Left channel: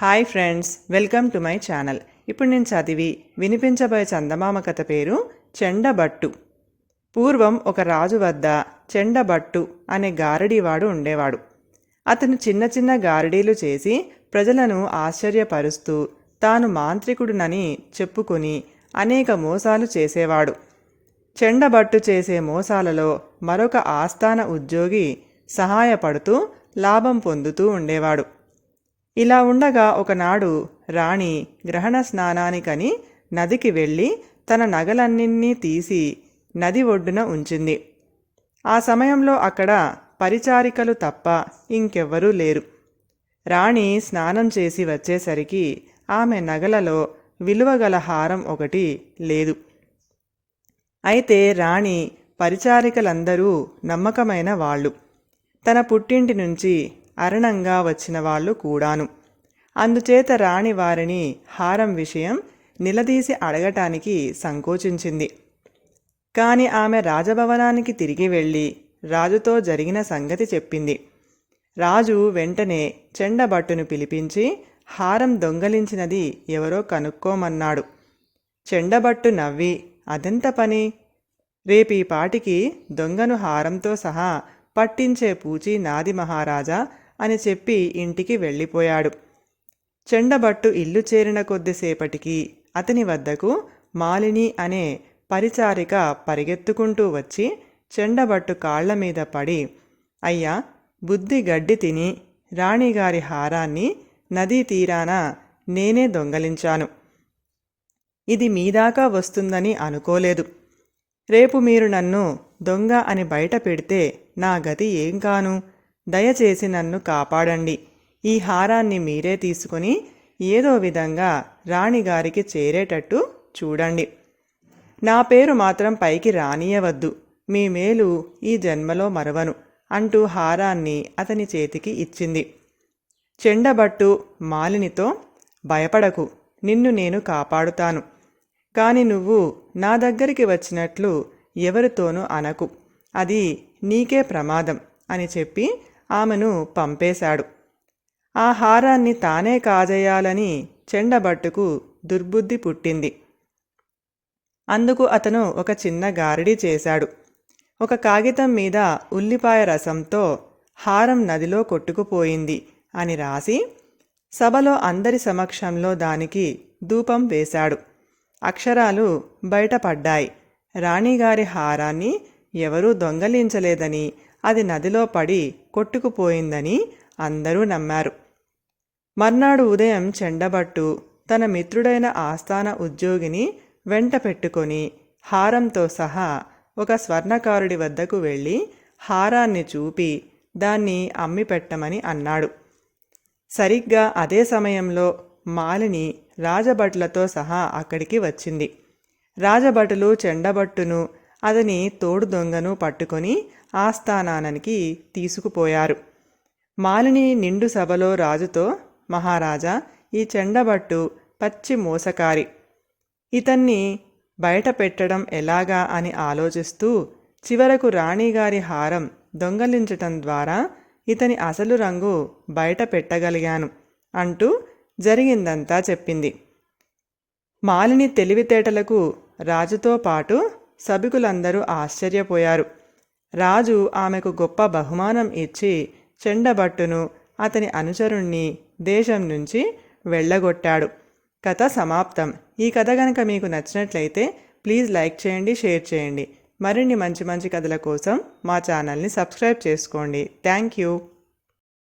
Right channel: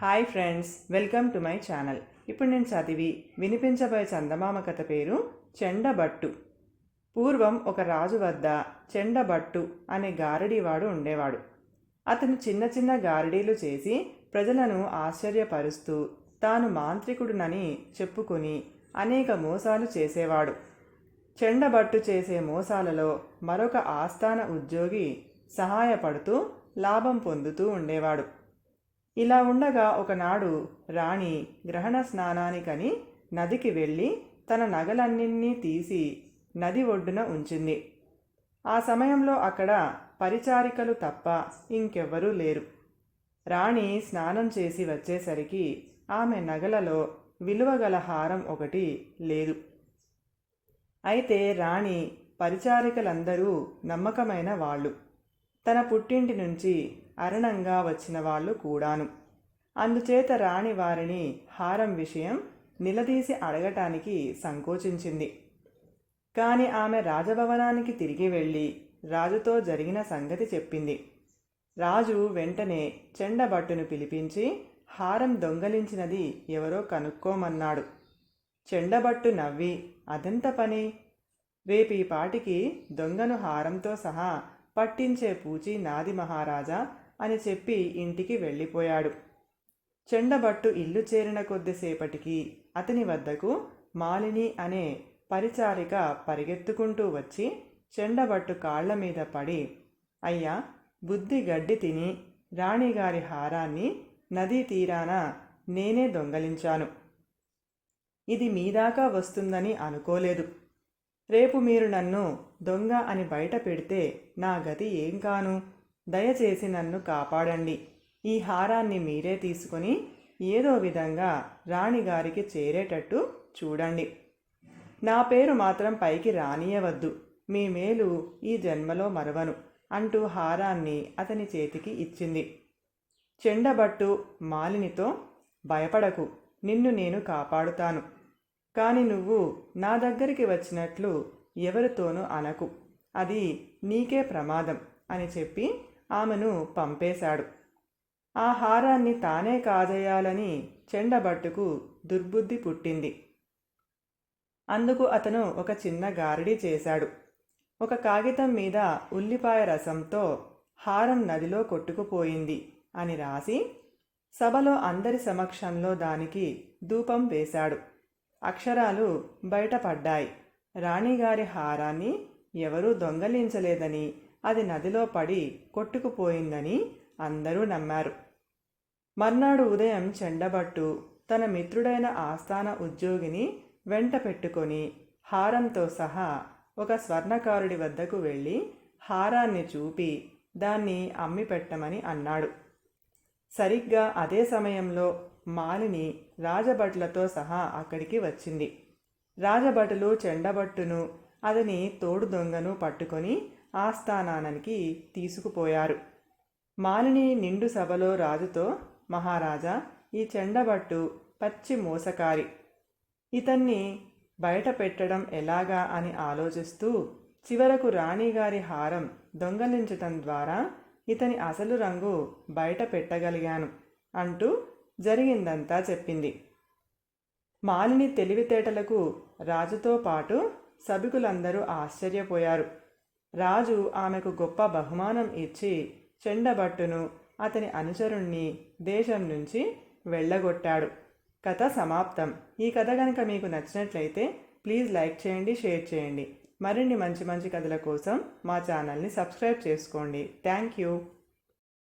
Hi friends welcome to my channel. ఇప్పుడు నేను చదివి వినిపించబోయే చందమామ కథ పేరు చెండబట్టు. పూర్వం ఒక రాజు వద్ద చెండబట్టు అనే గారడీవాడు ఉండేవాడు. అతను చిన్న చిన్న గారడీలు చేసి ప్రజలను ఆశ్చర్యపరుస్తూ తాను మాంత్రికుడునని చెప్పుకొని అనేక మోసాలు చేసేవాడు. చెండబట్టు చేసే మోసాలలో మరొక ఆస్థాన ఉద్యోగి సహాయపడుతూ లాభం పొందుతూ ఉండేవాడు. ఇలా ఉండగా ఒకనాడు రాణి గ్రహణ స్నానానికని నదికి వెళ్ళి తన నగలన్నింటినీ తీసి నది ఒడ్డున ఉంచింది. ఆ సమయంలో అక్కడ పరిచారికలు తప్ప ఇంకెవ్వరూ లేరు. రాణి స్నానం చేసి వచ్చేసరికి ఆమె నగలలో విలువగల హారం ఒకటి లేదు. అయితే రాణి పరిచారికలందరూ నమ్మకమైన వాళ్ళు. తన పుట్టింటి నుంచి అరణంగా వచ్చిన వాళ్ళు కూడాను. అందుచేత రాణి వారిని హారం విషయం నిలదీసి అడగటానికి సంకోచించింది. కాని ఆమె రాజభవనానికి తిరిగి వెళ్ళి రాజుతో జరిగిన సంగతి చెప్పింది. రాజు వెంటనే చెండబట్టును పిలిపించి హారం దొంగలించినది ఎవరో కనుక్కోమన్నాడు. చెండబట్టు నవ్వి అదెంత పని? రేపీ పాటికి దొంగను హారంతో సహా పట్టించే పూచి నాది మహారాజా అని చెప్పి ఇంటికి వెళ్ళిపోయాడు. చెండబట్టు ఇల్లు చేరిన కొద్దిసేపటికి అతని వద్దకు మాలిని అనే పరిచారిక పరిగెత్తుకుంటూ వచ్చి చెండబట్టు కాళ్ళ మీద పడి అయ్యా బుద్ధి గడ్డి తిని రాణిగారి హారాన్ని నదీ తీరాన నేనే దొంగలించాను. ఇది మీదాకా వస్తుందని అనుకోలేదు. రేపు మీరు నన్ను దొంగ అని బయట పెడితే నా గతి ఏం కాను? దయచేసి నన్ను కాపాడండి. ఈ హారాన్ని మీరే తీసుకుని ఏదో విధంగా రాణిగారికి చేరేటట్టు చూడండి. నా పేరు మాత్రం పైకి రానియవద్దు. మీ మేలు ఈ జన్మలో మరవను అంటూ హారాన్ని అతని చేతికి ఇచ్చింది. చెండబట్టు మాలినితో భయపడకు నిన్ను నేను కాపాడుతాను. కాని నువ్వు నా దగ్గరికి వచ్చినట్లు ఎవరితోనూ అనకు. అది నీకే ప్రమాదం అని చెప్పి ఆమెను పంపేశాడు. ఆ హారాన్ని తానే కాజేయాలని చెండబట్టుకు దుర్బుద్ధి పుట్టింది. అందుకు అతను ఒక చిన్న గారిడి చేశాడు. ఒక కాగితం మీద ఉల్లిపాయ రసంతో హారం నదిలో కొట్టుకుపోయింది అని రాసి సభలో అందరి సమక్షంలో దానికి ధూపం వేశాడు. అక్షరాలు బయటపడ్డాయి. రాణిగారి హారాన్ని ఎవరూ దొంగలించలేదని అది నదిలో పడి కొట్టుకుపోయిందని అందరూ నమ్మారు. మర్నాడు ఉదయం చెండబట్టు తన మిత్రుడైన ఆస్థాన ఉద్యోగిని వెంట పెట్టుకొని హారంతో సహా ఒక స్వర్ణకారుడి వద్దకు వెళ్ళి హారాన్ని చూపి దాన్ని అమ్మి పెట్టమని అన్నాడు. సరిగ్గా అదే సమయంలో మాలిని రాజభటులతో సహా అక్కడికి వచ్చింది. రాజభటులు చెండబట్టును అతని తోడు దొంగను పట్టుకొని ఆస్థానానికి తీసుకుపోయారు. మాలిని నిండు సభలో రాజుతో మహారాజా ఈ చెండబట్టు పచ్చి మోసకారి. ఇతన్ని బయట పెట్టడం ఎలాగా అని ఆలోచిస్తూ చివరకు రాణిగారి హారం దొంగలించటం ద్వారా ఇతని అసలు రంగు బయట పెట్టగలిగాను అంటూ జరిగిందంతా చెప్పింది. మాలిని తెలివితేటలకు రాజుతో పాటు సభికులందరూ ఆశ్చర్యపోయారు. రాజు ఆమెకు గొప్ప బహుమానం ఇచ్చి చెండబట్టును అతని అనుచరుణ్ణి దేశం నుంచి వెళ్ళగొట్టాడు. కథ సమాప్తం. ఈ కథ కనుక మీకు నచ్చినట్లయితే ప్లీజ్ లైక్ చేయండి షేర్ చేయండి. మరిన్ని మంచి మంచి కథల కోసం మా ఛానల్ని సబ్స్క్రైబ్ చేసుకోండి. Thank you.